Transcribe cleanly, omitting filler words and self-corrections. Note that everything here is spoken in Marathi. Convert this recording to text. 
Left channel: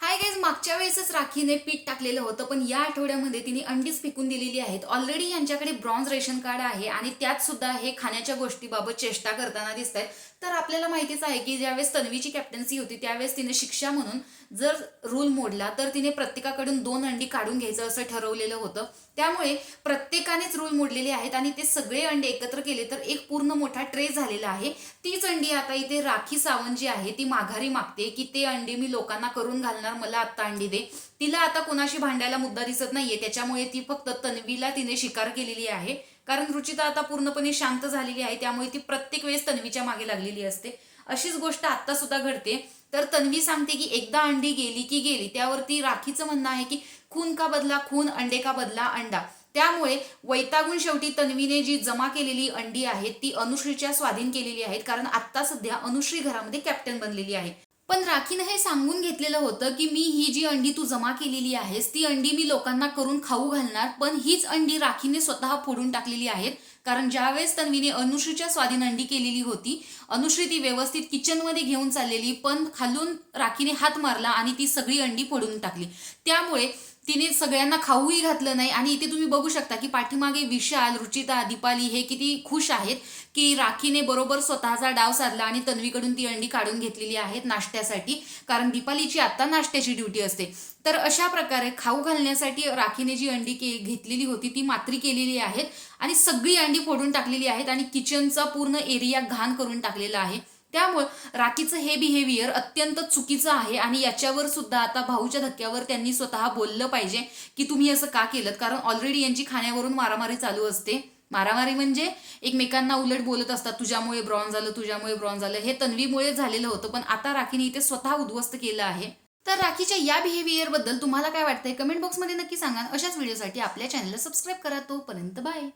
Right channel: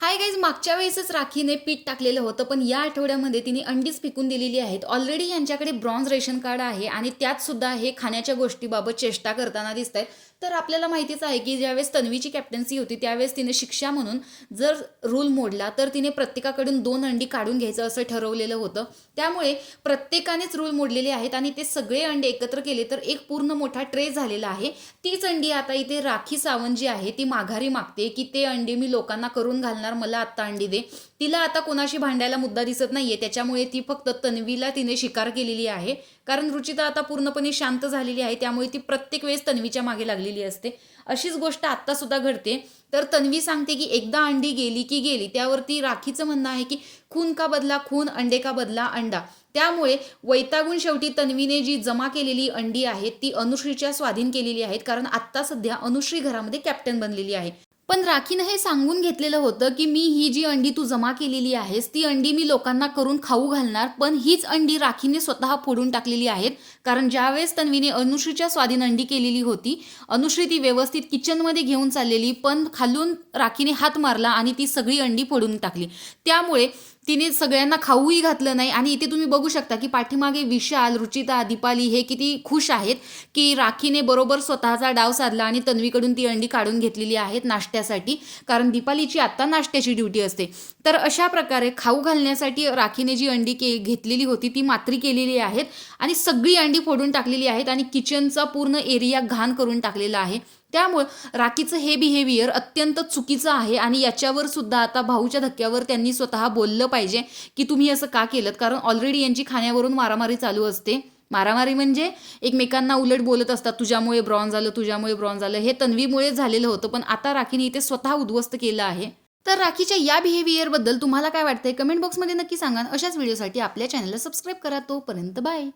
हाय गाईज, मागच्या वेळेसच राखीने पीठ टाकलेलं होतं, पण या आठवड्यामध्ये तिने अंडीच फेकून दिलेली आहेत. ऑलरेडी यांच्याकडे ब्रॉन्झ रेशन कार्ड आहे आणि त्यात सुद्धा हे खाण्याच्या गोष्टीबाबत चेष्टा करताना दिसत आहेत. तर आपल्याला माहितीच आहे की ज्यावेळेस तन्वीची कॅप्टन्सी होती त्यावेळेस तिने शिक्षा म्हणून जर रूल मोडला तर तिने प्रत्येकाकडून 2 अंडी काढून घ्यायचं असं ठरवलेलं होतं. त्यामुळे प्रत्येकानेच रूल मोडलेले आहेत आणि ते सगळे अंडे एकत्र केले तर एक पूर्ण मोठा ट्रे झालेला आहे. तीच अंडी आता इथे राखी सावंत जी आहे ती माघारी मागते की ते अंडी मी लोकांना करून घालणार, मला आत्ता अंडी दे. तिला आता कोणाशी भांडायला मुद्दा दिसत नाहीये, त्याच्यामुळे ती फक्त तन्वीला तिने शिकार केलेली आहे. कारण रुचिता आता पूर्णपणे शांत झालेली आहे, त्यामुळे ती प्रत्येक वेळेस तन्वीच्या मागे लागलेली असते. अशीच गोष्ट आत्ता सुद्धा घडते. तर तन्वी सांगते की एकदा अंडी गेली की गेली. त्यावरती राखीचं म्हणणं आहे की खून का बदला खून, अंडे का बदला अंडा. त्यामुळे वैतागून शेवटी तन्वीने जी जमा केलेली अंडी आहेत ती अनुश्रीच्या स्वाधीन केलेली आहेत, कारण आत्ता सध्या अनुश्री घरामध्ये कॅप्टन बनलेली आहे. पण राखीनं हे सांगून घेतलेलं होतं की मी ही जी अंडी तू जमा केलेली आहेस ती अंडी मी लोकांना करून खाऊ घालणार, पण हीच अंडी राखीने स्वतः फोडून टाकलेली आहेत. कारण ज्यावेळेस तन्वीने अनुश्रीच्या स्वाधीन अंडी केलेली होती, अनुश्री ती व्यवस्थित किचनमध्ये घेऊन चाललेली, पण खालून राखीने हात मारला आणि ती सगळी अंडी फोडून टाकली. त्यामुळे तिने सगळ्यांना खाऊही घातलं नाही. आणि इथे तुम्ही बघू शकता की पाठीमागे विशाल, रुचिता, दीपाली हे किती खुश आहेत की राखीने बरोबर स्वतःचा डाव साधला आणि तन्वीकडून ती अंडी काढून घेतलेली आहेत नाश्त्यासाठी, कारण दीपालीची आत्ता नाश्त्याची ड्युटी असते. तर अशा प्रकारे खाऊ घालण्यासाठी राखीने जी अंडी घेतलेली होती ती मात्री केलेली आहेत आणि सगळी अंडी फोडून टाकलेली आहेत आणि किचनचा पूर्ण एरिया घाण करून टाकलेला आहे. त्यामुळे राखीचं हे बिहेवियर अत्यंत चुकीचं आहे आणि याच्यावर सुद्धा आता भाऊच्या धक्क्यावर त्यांनी स्वतः बोललं पाहिजे की तुम्ही असं का केलं. कारण ऑलरेडी यांची खाण्यावरून मारामारी चालू असते. मारामारी म्हणजे एकमेकांना उलट बोलत असतात, तुझ्यामुळे ब्रॉन्झ झालं, तुझ्यामुळे ब्रॉन्झ झालं. हे तन्वीमुळे झालेलं होतं, पण आता राखीने इथे स्वतः उद्ध्वस्त केलं आहे. तर राखीच्या या बिहेवियरबद्दल तुम्हाला काय वाटतंय कमेंट बॉक्समध्ये नक्की सांगा. अशाच व्हिडिओसाठी आपल्या चॅनलला सबस्क्राईब करा. तोपर्यंत बाय.